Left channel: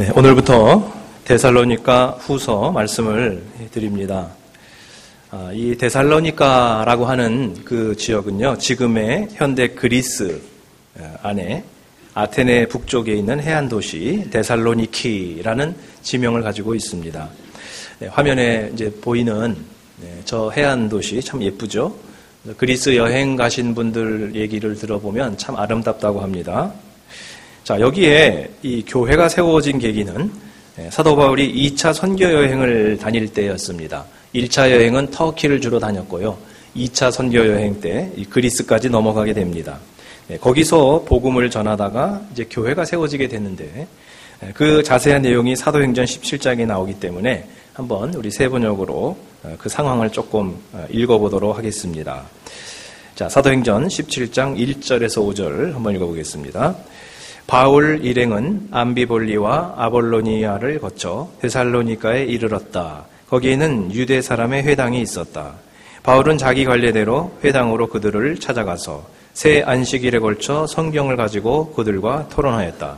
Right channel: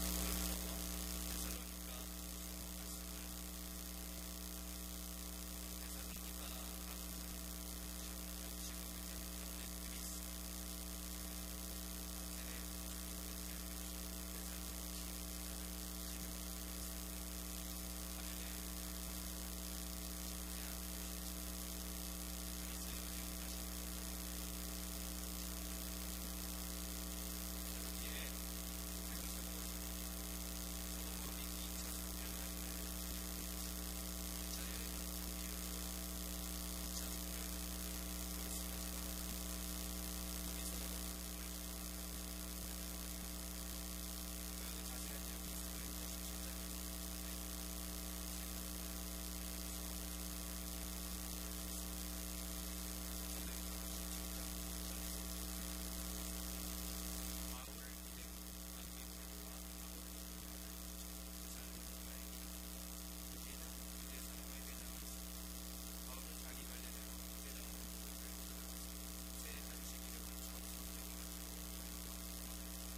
네, 오늘부터 데살로니가 후서 말씀을 드립니다. 이 데살로니가라고 하는 그 지역은요, 지금의 현대 그리스 안에 아테네 북쪽에 있는 해안 도시 데살로니키라는 지명을 가지고 있습니다. 네, 화면에 이제 보이는 저 해안 도시 참 예쁘죠? 그리스 여행 가신 분들 얘기를 들어보면 참 아름답다고 합니다. 자, 여기에 이 교회가 세워진 계기는 사도 바울이 2차 선교 여행을 다닐 때였습니다. 1차 여행은 터키를 주로 다녔고요. 2차 선교 여행 때 그리스까지 넘어가게 됩니다. 거기서 복음을 전하다가 이제 교회가 세워지게 됐는데 그 자세한 내용이 사도행전 17장에 나오기 때문에 한번 우리 세번역으로 그 상황을 조금 읽어보도록 하겠습니다. 자, 사도행전 17장 1절에서 5절 한번 읽어보겠습니다. 바울 일행은 암비볼리와 아볼로니아를 거쳐 데살로니가에 이르렀다. 거기에는 유대 사람의 회당이 있었다. 바울은 자기 관례대로 회당으로 그들을 찾아가서 새 안식일에 걸쳐 성경을 가지고 그들과 토론하였다.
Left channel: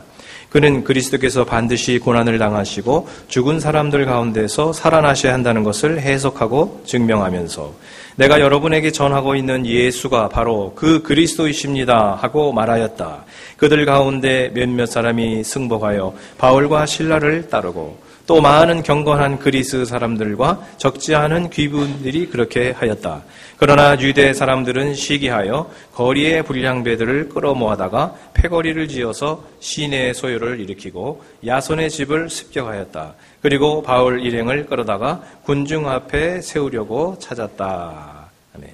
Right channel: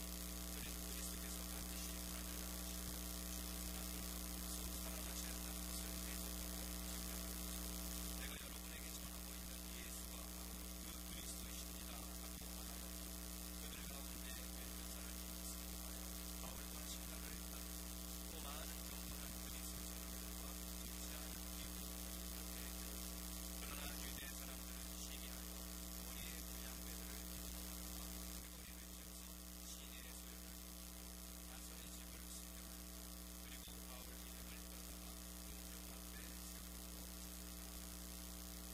그는 그리스도께서 반드시 고난을 당하시고 죽은 사람들 가운데서 살아나셔야 한다는 것을 해석하고 증명하면서 내가 여러분에게 전하고 있는 예수가 바로 그 그리스도이십니다 하고 말하였다. 그들 가운데 몇몇 사람이 승복하여 바울과 실라를 따르고 또 많은 경건한 그리스 사람들과 적지 않은 귀분들이 그렇게 하였다. 그러나 유대 사람들은 시기하여 거리의 불량배들을 끌어모아다가 패거리를 지어서 시내의 소요를 일으키고 야손의 집을 습격하였다. 그리고 바울 일행을 끌어다가 군중 앞에 세우려고 찾았다. 아멘.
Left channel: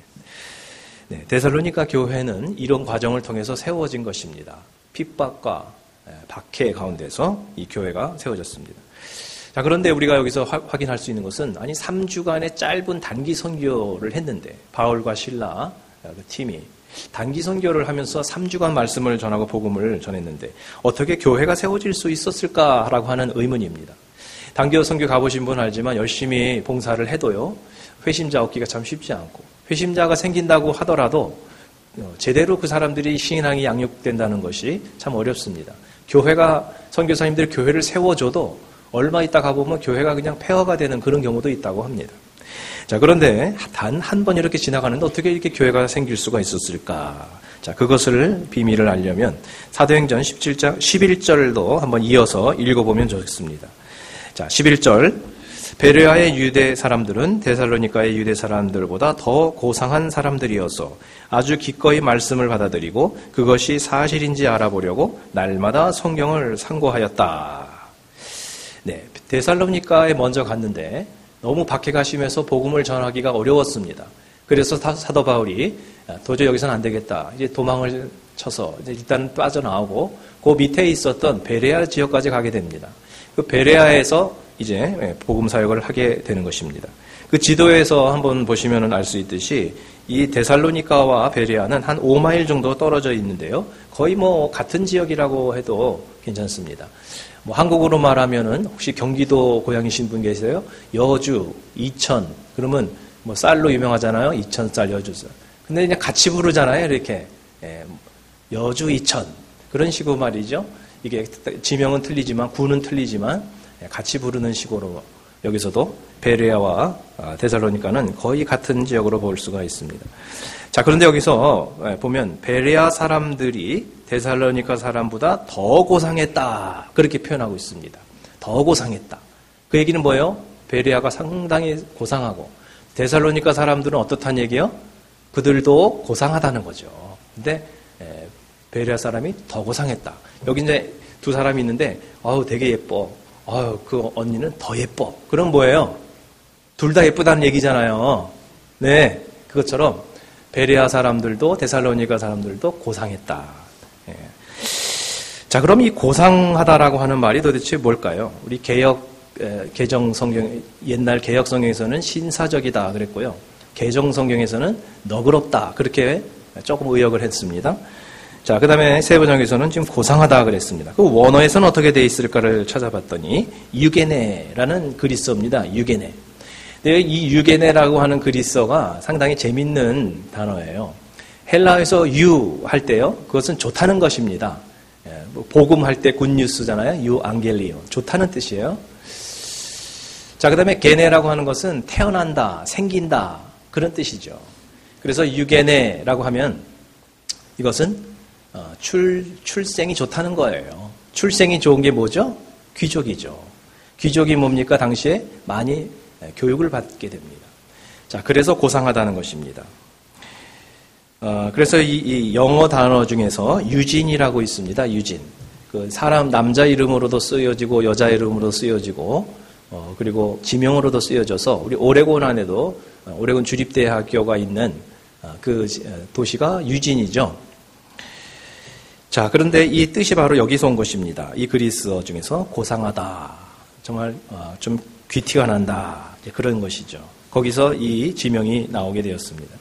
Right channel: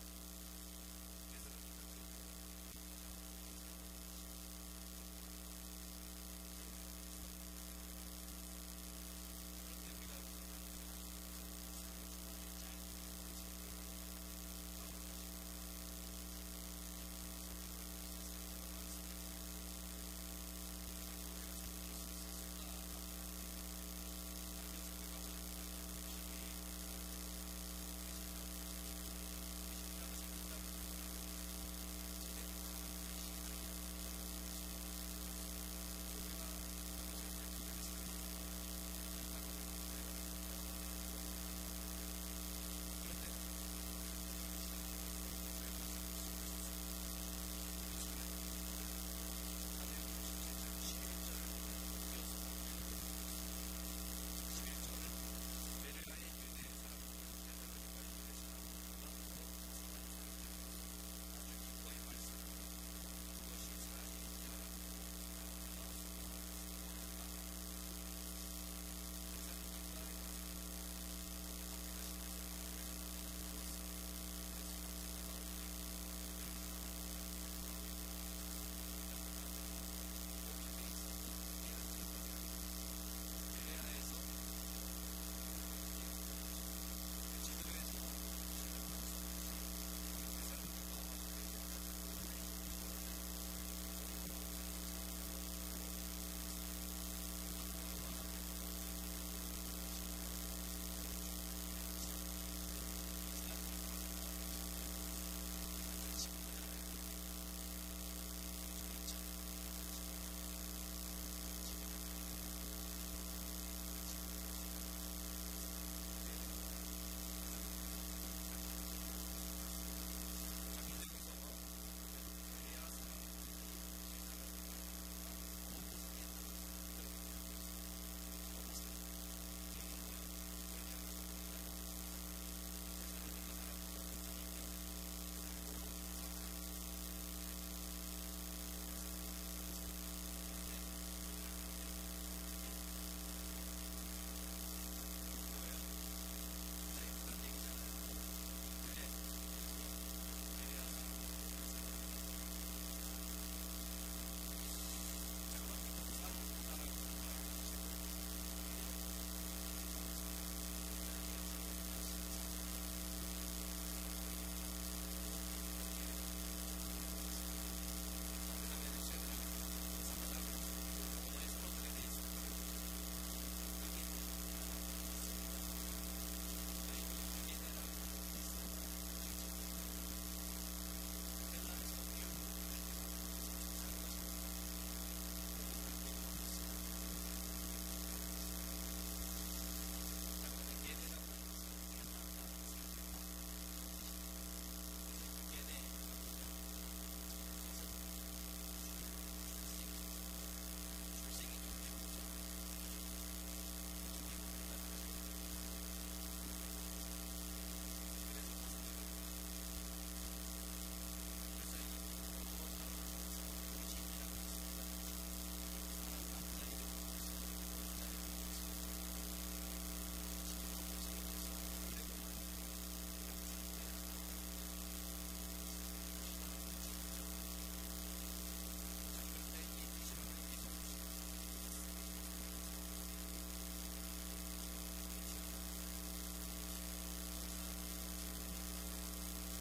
네, 데살로니가 교회는 이런 과정을 통해서 세워진 것입니다. 핍박과 박해 가운데서 이 교회가 세워졌습니다. 자, 그런데 우리가 여기서 확인할 수 있는 것은 3주간의 짧은 단기 선교를 했는데 바울과 실라 그 팀이 단기 선교를 하면서 3주간 말씀을 전하고 복음을 전했는데 어떻게 교회가 세워질 수 있었을까라고 하는 의문입니다. 단기 선교 가보신 분 알지만 열심히 봉사를 해도요, 회심자 얻기가 참 쉽지 않고 회심자가 생긴다고 하더라도 제대로 그 사람들이 신앙이 양육된다는 것이 참 어렵습니다. 교회가 선교사님들이 교회를 세워줘도 얼마 있다 가보면 교회가 그냥 폐허가 되는 그런 경우도 있다고 합니다. 자, 그런데 단 한 번 이렇게 지나가는데 어떻게 이렇게 교회가 생길 수가 있었을까? 자, 그것을 비밀을 알려면 사도행전 17장 11절도 한번 이어서 읽어보면 좋겠습니다. 자, 11절. 베레아의 유대 사람들은 데살로니가의 유대 사람들보다 더 고상한 사람들이어서 아주 기꺼이 말씀을 받아들이고 그것이 사실인지 알아보려고 날마다 성경을 상고하였다. 네, 데살로니가에 먼저 갔는데 너무 박해가 심해서 복음을 전하기가 어려웠습니다. 그래서 사도 바울이 도저히 여기서는 안 되겠다. 이제 도망을 쳐서 이제 일단 빠져나오고 그 밑에 있었던 베레아 지역까지 가게 됩니다. 그 베레아에서 이제 복음 사역을 하게 되는 것입니다. 그 지도에서 한번 보시면 알 수 있듯이 이 데살로니가와 베레아는 한 5마일 정도 떨어져 있는데요. 거의 뭐 같은 지역이라고 해도 괜찮습니다. 뭐 한국으로 말하면은 혹시 경기도 고향이신 분 계세요? 여주, 이천, 그러면 뭐 쌀로 유명하잖아요. 이천쌀, 여주쌀. 근데 그냥 같이 부르잖아요. 이렇게 여주, 이천 그런 식으로 말이죠. 이게 지명은 틀리지만 구는 틀리지만 같이 부르는 식으로 여기서도 베레아와 데살로니가는 거의 같은 지역으로 볼 수가 있습니다. 자, 그런데 여기서 보면 베레아 사람들이 데살로니가 사람보다 더 고상했다 그렇게 표현하고 있습니다. 더 고상했다. 그 얘기는 뭐예요? 베레아가 상당히 고상하고 데살로니가 사람들은 어떻다는 얘기예요? 그들도 고상하다는 거죠. 근데 베레아 사람이 더 고상했다. 여기 이제 두 사람이 있는데 아우 되게 예뻐. 아유, 그 언니는 더 예뻐. 그럼 뭐예요? 둘 다 예쁘다는 얘기잖아요. 네, 그것처럼 베레아 사람들도 데살로니가 사람들도 고상했다. 네. 자, 그럼 이 고상하다라고 하는 말이 도대체 뭘까요? 우리 개정 성경, 옛날 개혁 성경에서는 신사적이다 그랬고요. 개정 성경에서는 너그럽다 그렇게 조금 의역을 했습니다. 자, 그 다음에 세번역에서는 지금 고상하다 그랬습니다. 그 원어에서는 어떻게 되어 있을까를 찾아봤더니 유게네라는 그리스어입니다. 유게네. 근데 이 유게네라고 하는 그리스어가 상당히 재밌는 단어예요. 헬라어에서 유 할 때요, 그것은 좋다는 것입니다. 복음할 때 굿뉴스잖아요. 유앙겔리온. 좋다는 뜻이에요. 자, 그 다음에 게네라고 하는 것은 태어난다, 생긴다, 그런 뜻이죠. 그래서 유게네라고 하면 이것은 출생이 좋다는 거예요. 출생이 좋은 게 뭐죠? 귀족이죠. 귀족이 뭡니까? 당시에 많이 교육을 받게 됩니다. 자, 그래서 고상하다는 것입니다. 그래서 이 영어 단어 중에서 유진이라고 있습니다. 유진. 그 사람 남자 이름으로도 쓰여지고 여자 이름으로도 쓰여지고 그리고 지명으로도 쓰여져서 우리 오레곤 안에도 오레곤 주립대학교가 있는 그 도시가 유진이죠. 자, 그런데 이 뜻이 바로 여기서 온 것입니다. 이 그리스어 중에서 고상하다. 정말 좀 귀티가 난다. 그런 것이죠. 거기서 이 지명이 나오게 되었습니다.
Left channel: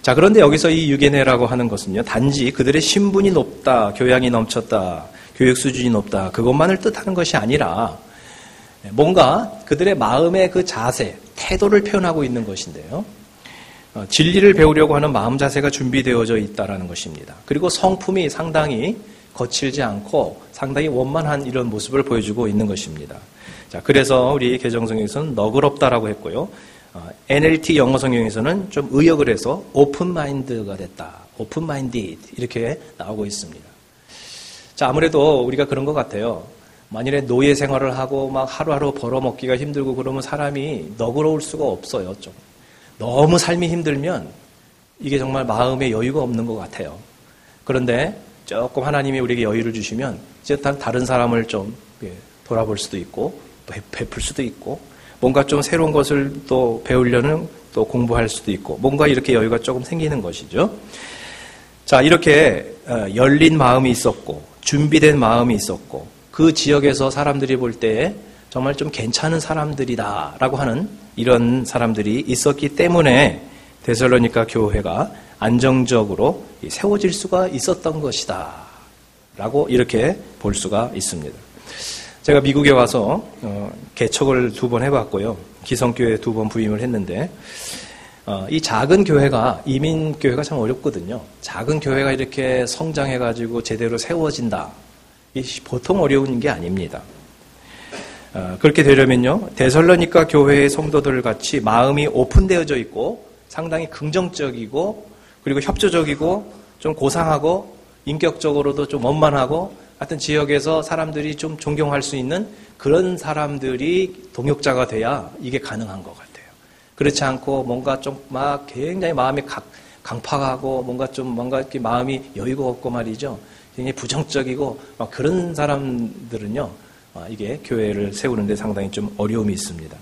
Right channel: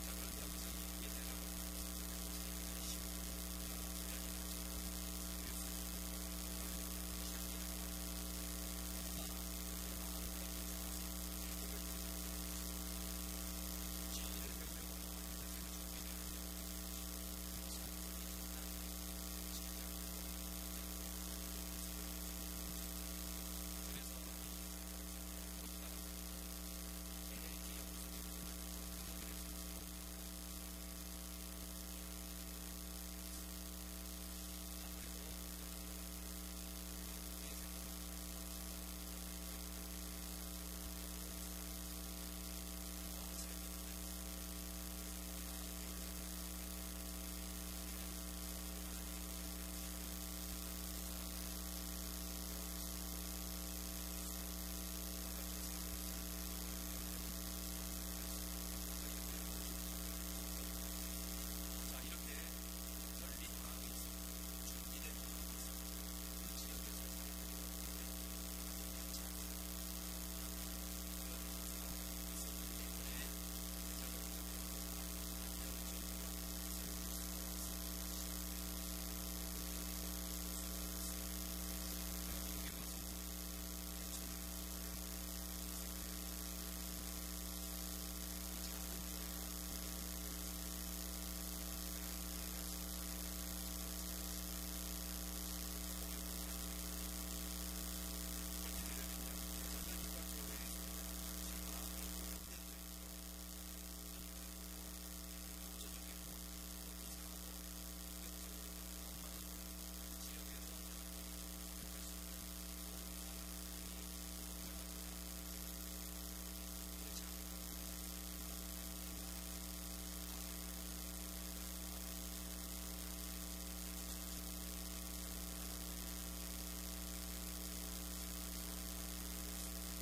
자, 그런데 여기서 이 유게네라고 하는 것은요, 단지 그들의 신분이 높다, 교양이 넘쳤다, 교육 수준이 높다, 그것만을 뜻하는 것이 아니라 뭔가 그들의 마음의 그 자세, 태도를 표현하고 있는 것인데요. 진리를 배우려고 하는 마음 자세가 준비되어져 있다는 것입니다. 그리고 성품이 상당히 거칠지 않고 상당히 원만한 이런 모습을 보여주고 있는 것입니다. 자, 그래서 우리 개정성경에서는 너그럽다라고 했고요. NLT 영어 성경에서는 좀 의역을 해서 오픈 마인드가 됐다. 오픈 마인디드 이렇게 나오고 있습니다. 자, 아무래도 우리가 그런 것 같아요. 만일에 노예 생활을 하고 막 하루하루 벌어먹기가 힘들고 그러면 사람이 너그러울 수가 없어요. 좀 너무 삶이 힘들면 이게 정말 마음에 여유가 없는 것 같아요. 그런데 조금 하나님이 우리에게 여유를 주시면 이제 다른 사람을 좀 돌아볼 수도 있고 베풀 수도 있고 뭔가 좀 새로운 것을 또 배우려는 또 공부할 수도 있고 뭔가 이렇게 여유가 조금 생기는 것이죠. 자, 이렇게 열린 마음이 있었고 준비된 마음이 있었고 그 지역에서 사람들이 볼 때 정말 좀 괜찮은 사람들이다라고 하는 이런 사람들이 있었기 때문에 데살로니가 교회가 안정적으로 세워질 수가 있었던 것이다 라고 이렇게 볼 수가 있습니다. 제가 미국에 와서 개척을 2번 해봤고요. 기성교회 2번 부임을 했는데 이 작은 교회가 이민교회가 참 어렵거든요. 작은 교회가 이렇게 성장해가지고 제대로 세워진다. 보통 어려운 게 아닙니다. 그렇게 되려면요, 데살로니가 교회의 성도들 같이 마음이 오픈되어져 있고 상당히 긍정적이고 그리고 협조적이고 좀 고상하고 인격적으로도 좀 원만하고 하여튼 지역에서 사람들이 좀 존경할 수 있는 그런 사람들이 동역자가 돼야 이게 가능한 것 같아요. 그렇지 않고 뭔가 좀 막 굉장히 마음이 강팍하고 뭔가 이렇게 마음이 여유가 없고 말이죠. 굉장히 부정적이고 막 그런 사람들은요, 이게 교회를 세우는데 상당히 좀 어려움이 있습니다.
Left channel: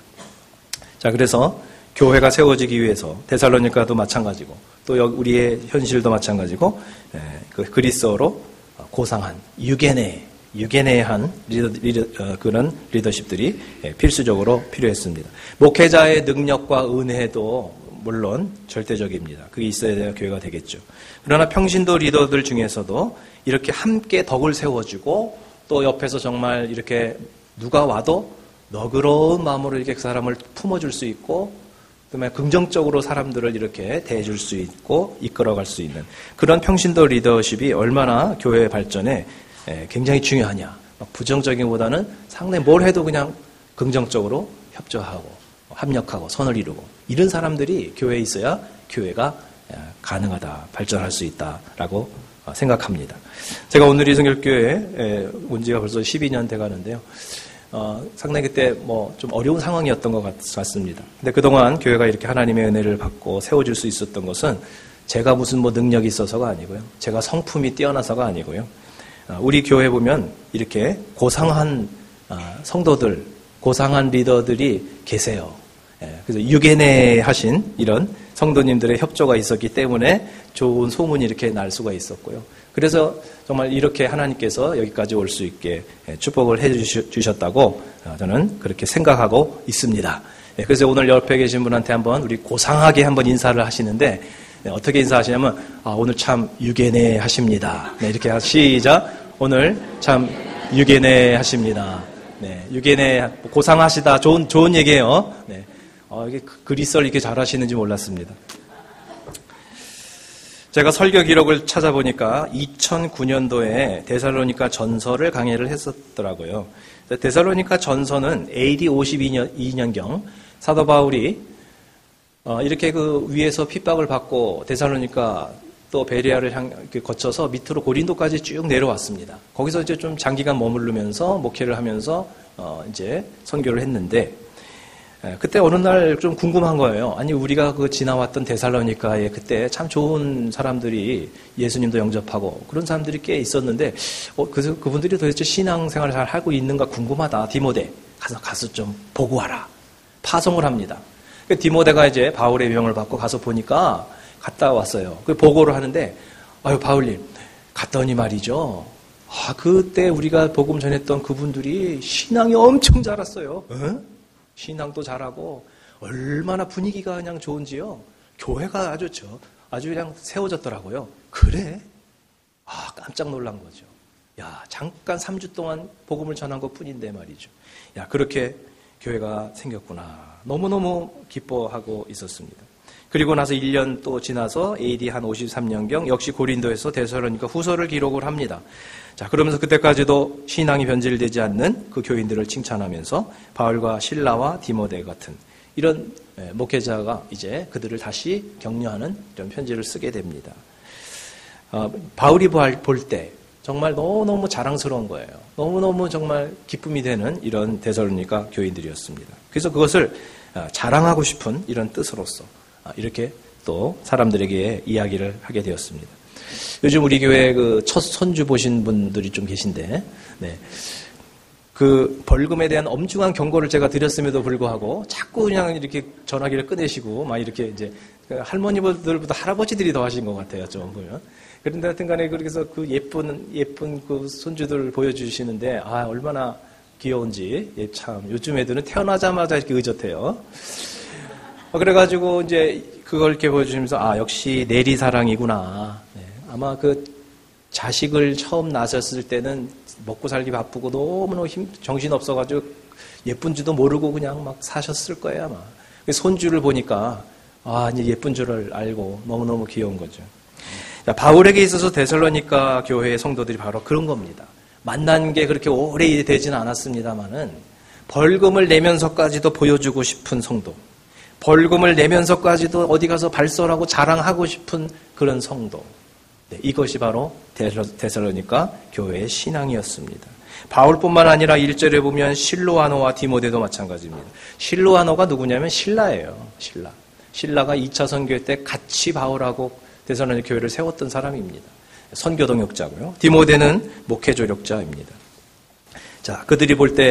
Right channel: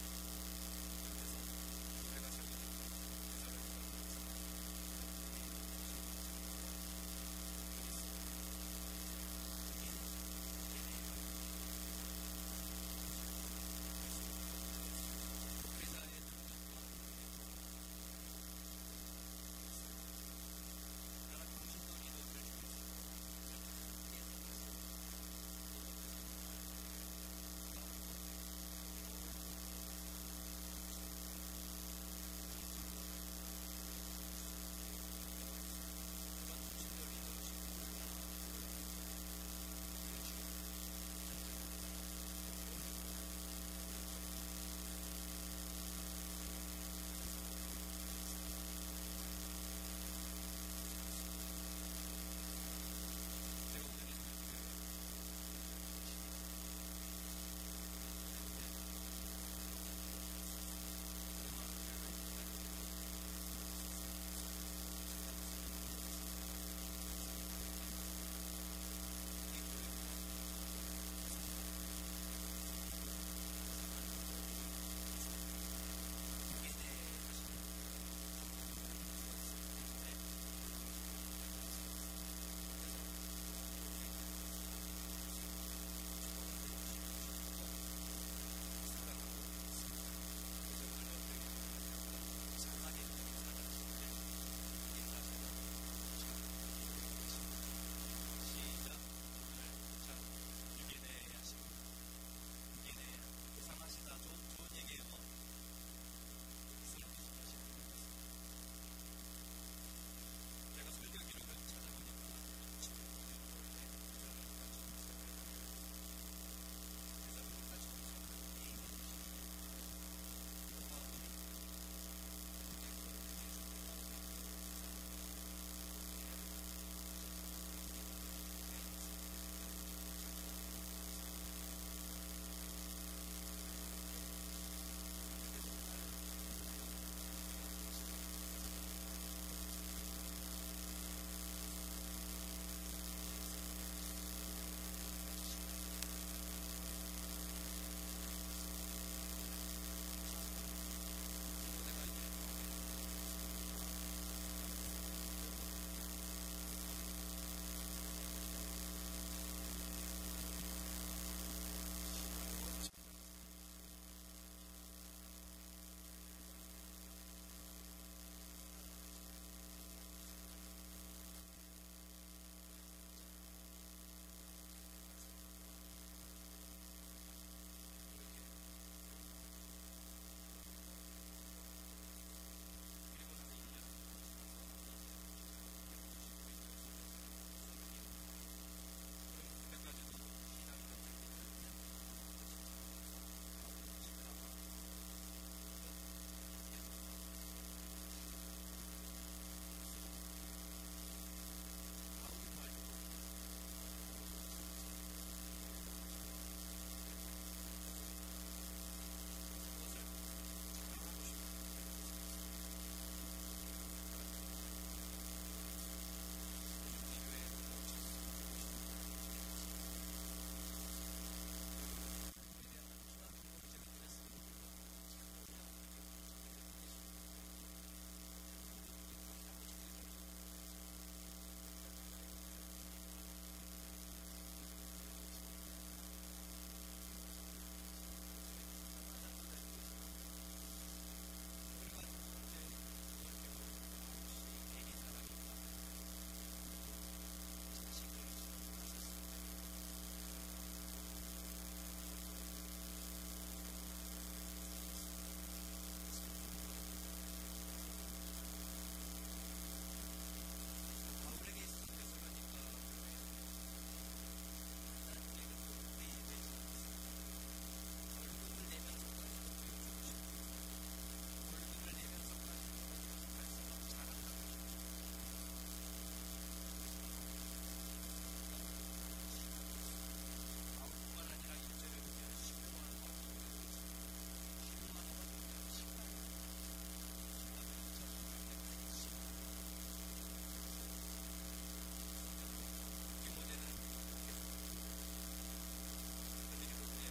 자, 그래서 교회가 세워지기 위해서 데살로니가도 마찬가지고 또 우리의 현실도 마찬가지고 그 그리스어로 고상한 유게네한 그런 리더십들이 필수적으로 필요했습니다. 목회자의 능력과 은혜도 물론 절대적입니다. 그게 있어야 교회가 되겠죠. 그러나 평신도 리더들 중에서도 이렇게 함께 덕을 세워주고 또 옆에서 정말 이렇게 누가 와도 너그러운 마음으로 이렇게 그 사람을 품어줄 수 있고 그다음에 긍정적으로 사람들을 이렇게 대해줄 수 있고 이끌어갈 수 있는 그런 평신도 리더십이 얼마나 교회 발전에 굉장히 중요하냐. 부정적인보다는 상당히 뭘 해도 그냥 긍정적으로 협조하고 합력하고 선을 이루고 이런 사람들이 교회에 있어야 교회가 가능하다, 발전할 수 있다라고 생각합니다. 제가 오늘 이성결교회에 온 지가 벌써 12년 돼 가는데요. 상당히 그때 좀 어려운 상황이었던 것 같습니다. 근데 그동안 교회가 이렇게 하나님의 은혜를 받고 세워질 수 있었던 것은 제가 무슨 능력이 있어서가 아니고요. 제가 성품이 뛰어나서가 아니고요. 우리 교회 보면 이렇게 고상한 성도들, 고상한 리더들이 계세요. 그래서 유게네 하신 이런 성도님들의 협조가 있었기 때문에 좋은 소문이 이렇게 날 수가 있었고요. 그래서 정말 이렇게 하나님께서 여기까지 올 수 있게 축복을 해 주셨다고 저는 그렇게 생각하고 있습니다. 그래서 오늘 옆에 계신 분한테 한번 우리 고상하게 한번 인사를 하시는데 어떻게 인사하시냐면 오늘 참 유게네 하십니다. 네, 이렇게 시작. 오늘 참 유게네 하십니다. 네, 유게네 고상하시다. 좋은 얘기예요. 네. 이게 그리스어를 이렇게 잘하시는지 몰랐습니다. 제가 설교 기록을 찾아보니까 2009년도에 데살로니가 전서를 강의를 했었더라고요. 데살로니가 전서는 AD 52년경 사도 바울이 이렇게 그 위에서 핍박을 받고 데살로니가 또 베레아를 거쳐서 밑으로 고린도까지 쭉 내려왔습니다. 거기서 이제 좀 장기간 머무르면서 목회를 하면서 이제 선교를 했는데, 그때 어느 날 좀 궁금한 거예요. 아니, 우리가 그 지나왔던 데살로니카에 그때 참 좋은 사람들이 예수님도 영접하고 그런 사람들이 꽤 있었는데, 그래서 그분들이 도대체 신앙생활을 잘 하고 있는가 궁금하다. 디모데, 가서 좀 보고 와라. 파송을 합니다. 디모데가 이제 바울의 명을 받고 가서 보니까 갔다 왔어요. 그 보고를 하는데, 아유, 바울님, 갔더니 말이죠. 그때 우리가 복음 전했던 그분들이 신앙이 엄청 자랐어요. 신앙도 잘하고 얼마나 분위기가 그냥 좋은지요. 교회가 아주 그냥 세워졌더라고요. 그래? 깜짝 놀란 거죠. 야, 잠깐 3주 동안 복음을 전한 것 뿐인데 말이죠. 야, 그렇게 교회가 생겼구나. 너무너무 기뻐하고 있었습니다. 그리고 나서 1년 또 지나서 AD 한 53년경 역시 고린도에서 데살로니가 후서를 기록을 합니다. 자, 그러면서 그때까지도 신앙이 변질되지 않는 그 교인들을 칭찬하면서 바울과 실라와 디모데 같은 이런 목회자가 이제 그들을 다시 격려하는 이런 편지를 쓰게 됩니다. 바울이 볼 때 정말 너무너무 자랑스러운 거예요. 너무너무 정말 기쁨이 되는 이런 데살로니가 교인들이었습니다. 그래서 그것을 자랑하고 싶은 이런 뜻으로서 이렇게 또 사람들에게 이야기를 하게 되었습니다. 요즘 우리 교회 그 첫 선주 보신 분들이 좀 계신데, 그 벌금에 대한 엄중한 경고를 제가 드렸음에도 불구하고 자꾸 그냥 이렇게 전화기를 꺼내시고 막 이렇게 이제 할머니들보다 할아버지들이 더 하신 것 같아요, 좀 보면. 그런데 하여튼간에 그래서 그 예쁜 그 손주들 보여주시는데 얼마나 귀여운지. 참 요즘 애들은 태어나자마자 이렇게 의젓해요. 그래가지고 이제 그걸 이렇게 보여주시면서 역시 내리사랑이구나. 아마 그 자식을 처음 낳으셨을 때는 먹고 살기 바쁘고 너무너무 정신 없어가지고 예쁜 줄도 모르고 그냥 막 사셨을 거예요, 아마. 손주를 보니까 이제 예쁜 줄을 알고 너무너무 귀여운 거죠. 바울에게 있어서 데살로니가 교회의 성도들이 바로 그런 겁니다. 만난 게 그렇게 오래 되지는 않았습니다만은 벌금을 내면서까지도 보여주고 싶은 성도, 벌금을 내면서까지도 어디 가서 발설하고 자랑하고 싶은 그런 성도. 이것이 바로 데살로니가 교회의 신앙이었습니다. 바울뿐만 아니라 1절에 보면 실로아노와 디모데도 마찬가지입니다. 실로아노가 누구냐면 신라예요. 신라가 2차 선교 때 같이 바울하고 데살로니가 교회를 세웠던 사람입니다. 선교 동역자고요. 디모데는 목회 조력자입니다. 자, 그들이 볼 때